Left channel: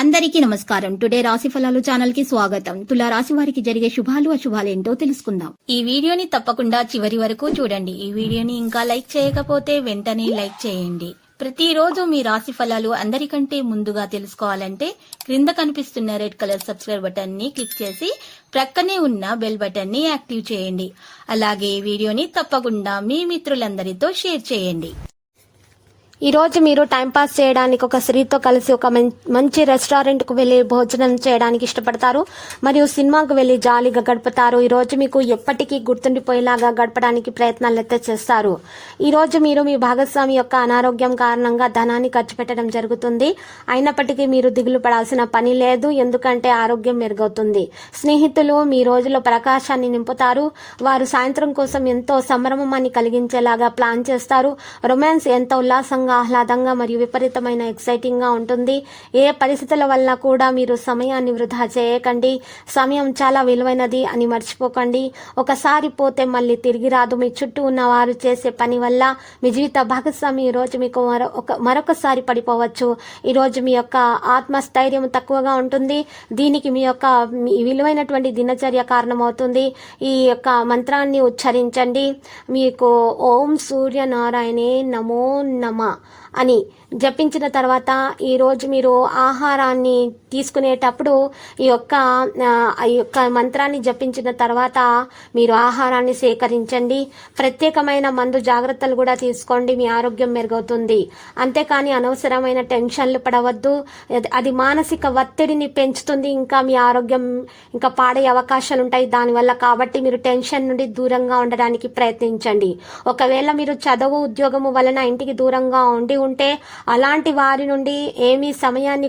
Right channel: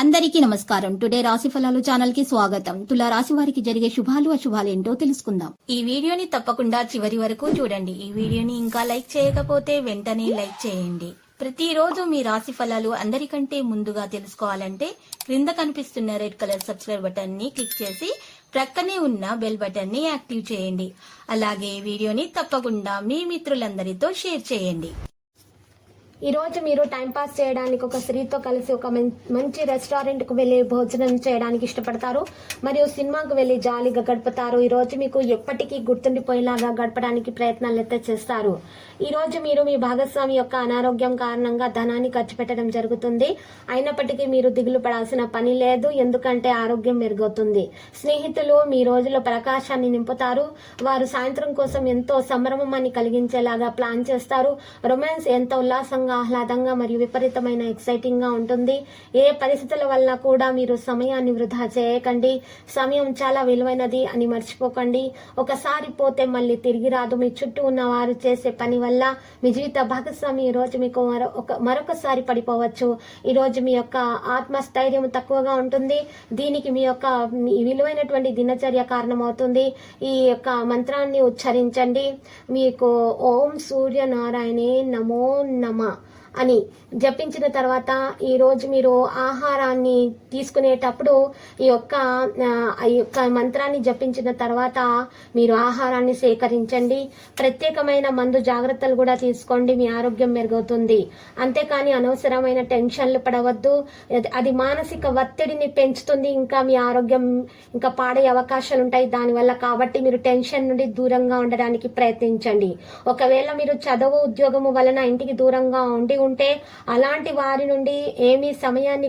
అందరికీ నమస్కారం. టుడే రాశి ఫలాలు ఛానల్ కి స్వాగతం. తులా రాశి వారికి జరిగే శుభాలు అశుభాలు ఏంటో తెలుసుకుందాం. ఈ వీడియోని తప్పకుండా చివరి వరకు చూడండి. ఈ వీడియోని ఇంకా లైక్ చేయకపోతే వెంటనే లైక్ చేయండి. ప్రతిరోజు మీ రాశి ఫలాలు అందరికంటే ముందుగా తెలుసుకోవాలంటే క్రింద కనిపిస్తున్న రెడ్ కలర్ సబ్స్క్రైబ్ బటన్ ని క్లిక్ చేసి ప్రక్కనే ఉన్న బెల్ బటన్ ని యాక్టివ్ చేయండి. అలాగే ఈ వీడియోని తప్పకుండా మీ మిత్రులందరితో షేర్ చేయండి. ఈ రోజు మీరు టైంపాస్ చేయడానికి ఒక స్త్రీతో కలిసి ఒక మంచి రెస్టారెంట్కు వెళ్లి భోజనం చేయడానికి ఇష్టపడతారు మరియు సినిమాకు వెళ్లి జాలీగా గడుపుతారు. ఈ రోజు మీకు ఎప్పటికీ గుర్తుండిపోయేలాగా గడపడానికి ప్రయత్నాలు చేస్తారు. ఈ రోజు మీరు మీ భాగస్వామి యొక్క అనారోగ్యం కారణంగా ధనాన్ని ఖర్చు పెట్టడం జరుగుతుంది. అయినప్పటికీ మీరు దిగులు పడాల్సిన పని లేదు, ఎందుకంటే ఆరోగ్యం మెరుగవుతుంది. స్నేహితులు మీ రోజులో ప్రకాశాన్ని నింపుతారు. వారు సాయంత్రం కోసం ఎంతో సంభ్రమాన్ని కలిగించేలాగా ప్లాన్ చేస్తారు. రొమాన్స్ ఎంతో ఉల్లాసంగా, ఆహ్లాదంగా మరియు విపరీతమైన ఎక్సైటింగ్ గా ఉంటుంది. ఏ పరిస్థితుల వల్ల కూడా మీరు సమయాన్ని వృధా చేయకండి. సమయం చాలా విలువైనది అని మర్చిపోకండి. ఒకసారి పోతే మళ్ళీ తిరిగి రాదు. మీ చుట్టూ ఉన్న వారు చేసే పని వల్ల మీ జీవిత భాగస్వామి ఈ రోజు మీకు మరొకసారి పడిపోవచ్చు. ఈ రోజు మీ యొక్క ఆత్మస్థైర్యం తక్కువగా ఉంటుంది. దీనికి మీ యొక్క విలువైనటువంటి దినచర్య కారణమవుతుంది. ఈ యొక్క మంత్రాన్ని ఉచ్చరించండి. మీకు ఓం సూర్యనారాయణే నమో నమ అని జపించిన తర్వాత ఈ రోజు మీరు ఆహారాన్ని తీసుకునేటప్పుడు ఈ యొక్క మంత్రాన్ని జపించిన తర్వాత మీరు ఆహారాన్ని సేకరించండి. ప్రత్యేకమైన మందు జాగ్రత్తలు కూడా తీసుకోండి. మీ ఆరోగ్యం మెరుగవుతుంది. అంతేకాని అనవసరమైన టెన్షన్లు పడవద్దు. అది మానసిక ఒత్తిడిని పెంచుతుంది. ఇంకా మీ ఆరోగ్యం ఇంకా పాడే అవకాశాలు ఉంటాయి దానివల్ల. కాబట్టి మీరు టెన్షన్ నుండి దూరంగా ఉండడానికి ప్రయత్నించండి. ఒకవేళ మీరు చదువు ఉద్యోగము వలన ఇంటికి దూరంగా ఉంటే అలాంటి వారి నుండి ఏవి సమయాన్ని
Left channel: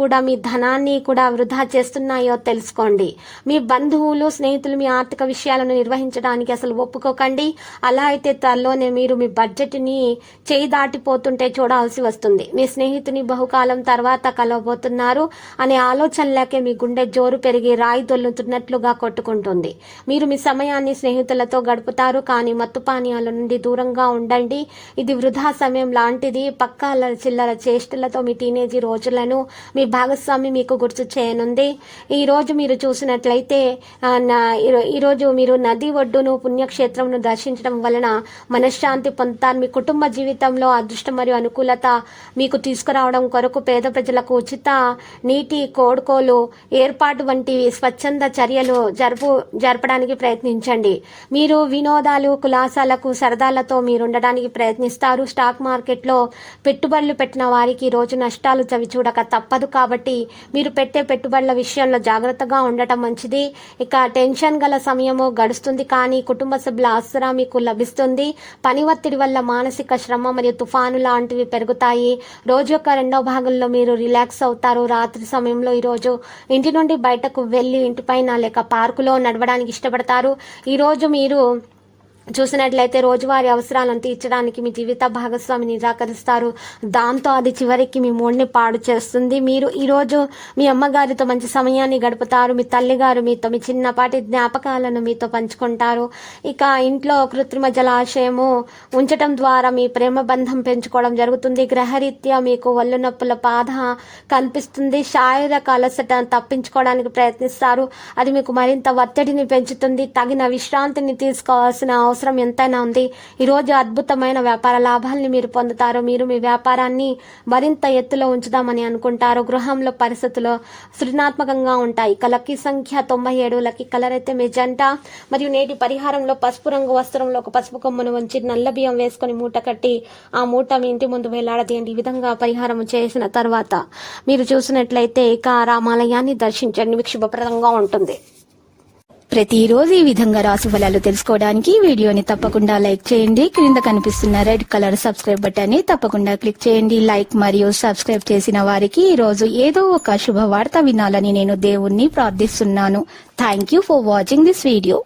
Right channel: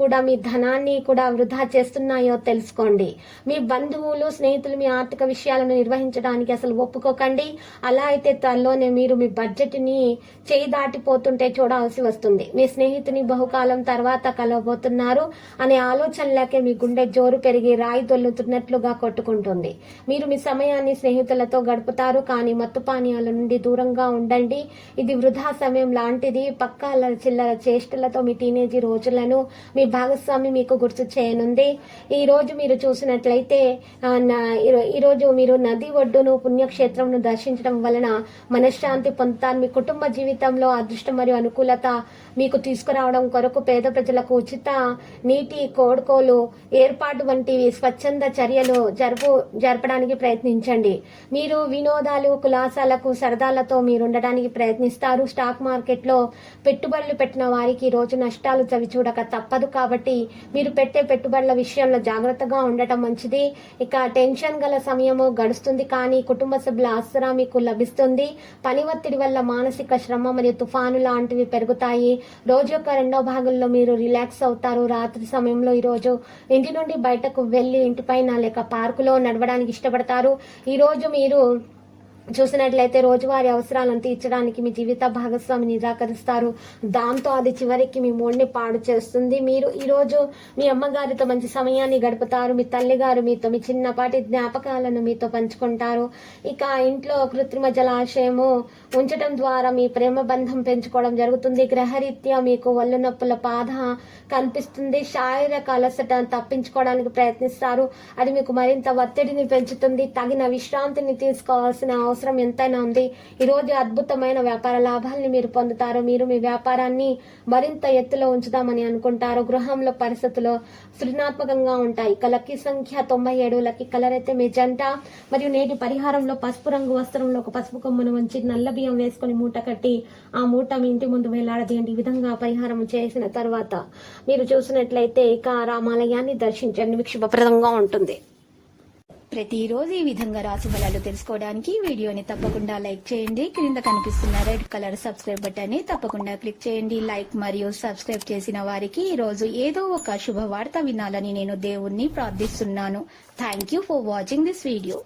కూడా మీ ధనాన్ని కూడా వృధా చేస్తున్నాయో తెలుసుకోండి. మీ బంధువులు స్నేహితులు మీ ఆర్థిక విషయాలను నిర్వహించడానికి అసలు ఒప్పుకోకండి. అలా అయితే త్వరలోనే మీరు మీ బడ్జెట్ ని చేయి దాటిపోతుంటే చూడాల్సి వస్తుంది. మీ స్నేహితుని బహుకాలం తర్వాత కలవబోతున్నారు అనే ఆలోచనలకే మీ గుండె జోరు పెరిగి రాయి దొల్లుతున్నట్లుగా కొట్టుకుంటుంది. మీరు మీ సమయాన్ని స్నేహితులతో గడుపుతారు, కానీ మత్తు పానీయాల నుండి దూరంగా ఉండండి. ఇది వృధా సమయం లాంటిది. పక్కా చిల్లర చేష్టలతో మీ టీనేజీ రోజులను మీ భాగస్వామి మీకు గుర్తు చేయనుంది. ఈ రోజు మీరు చూసినట్లయితే ఈరోజు మీరు నది ఒడ్డును పుణ్యక్షేత్రంను దర్శించడం వలన మనశ్శాంతి పొందుతారు. మీ కుటుంబ జీవితంలో అదృష్టం మరియు అనుకూలత మీకు తీసుకురావడం కొరకు పేద ప్రజలకు ఉచిత నీటి కోడుకోలు ఏర్పాటు వంటివి స్వచ్ఛంద చర్యలు జరపడానికి ప్రయత్నించండి. మీరు వినోదాలు కులాసాలకు సరదాలతో మీరు ఉండడానికి ప్రయత్నిస్తారు. స్టాక్ మార్కెట్లో పెట్టుబడులు పెట్టిన వారికి రోజు నష్టాలు చవిచూడక తప్పదు. కాబట్టి మీరు పెట్టే పెట్టుబడుల విషయంలో జాగ్రత్తగా ఉండటం మంచిది. ఇక టెన్షన్ గల సమయము గడుస్తుంది, కానీ కుటుంబ సభ్యుల ఆసరా మీకు లభిస్తుంది. పని ఒత్తిడి వల్ల మానసిక శ్రమ మరియు తుఫాను లాంటివి పెరుగుతాయి. రోజు యొక్క రెండవ భాగంలో మీరు రిలాక్స్ అవుతారు. రాత్రి సమయంలో ఈరోజు ఇంటి నుండి బయటకు వెళ్ళి ఇంటిపైన లేక పార్కులో నడవడానికి ఇష్టపడతారు. ఈరోజు మీరు చూసినట్లయితే రోజువారీ అవసరాలను తీర్చడానికి మీ జీవిత భాగస్వామి నిరాకరిస్తారు. దాంతో అది చివరికి మీ మూడ్ని పాడు చేస్తుంది. మీరు ఈరోజు మీ అమ్మగారితో మంచి సమయాన్ని గడుపుతారు. మీ తల్లిగారు మీతో మీ చిన్నపాటి జ్ఞాపకాలను మీతో పంచుకుంటారు. ఇక ఇంట్లో కృత్రిమ జలాశయము ఉంచడం ద్వారా మీ ప్రేమ బంధం పెంచుకోవడం జరుగుతుంది. గ్రహరీత్యా మీకు ఒళ్ళు నొప్పుల బాధ కనిపిస్తుంది. శారీరక అలసట తప్పించుకోవడానికి ప్రయత్నిస్తారు. అది మీకు మరింత ఒత్తిడిని పెంచుతుంది. తగిన విశ్రాంతిని తీసుకోవాల్సిన అవసరం ఎంతైనా ఉంది. ఈరోజు అద్భుతమైన వ్యాపార లాభాలని మీరు పొందుతారు. మీరు మీ వ్యాపారాన్ని మరింత ఎత్తులో ఉంచుదామని అనుకుంటారు. గృహంలో పరిస్థితులు సృజనాత్మకంగా ఉంటాయి. ఇక లక్కీ సంఖ్య 97, లక్కీ కలర్ అయితే మెజెంటా. మరియు నేటి పరిహారంలో పసుపు రంగు వస్త్రంలో ఒక పసుపు కొమ్మను ఉంచి నల్ల బియ్యం వేసుకొని మూట కట్టి ఆ మూట మీ ఇంటి ముందు వేలాడదీయండి. ఈ విధంగా పరిహారం చేసిన తర్వాత మీరు చూసినట్లయితే ఇక రామాలయాన్ని దర్శించండి. మీకు శుభప్రదంగా ఉంటుంది. ప్రతిరోజు ఈ విధంగా రాశి ఫలాలు తెలుసుకోవడానికి వీడియోని తప్పకుండా లైక్ చేయండి. క్రింద కనిపిస్తున్న రెడ్ కలర్ సబ్స్క్రైబ్ బటన్ ని తప్పకుండా క్లిక్ చేయండి. లైక్ మరియు సబ్స్క్రైబ్ చేసిన వారికి ఈ రోజు ఏదో ఒక శుభవార్త వినాలని నేను దేవుణ్ణి ప్రార్థిస్తున్నాను. Thank you for watching this video.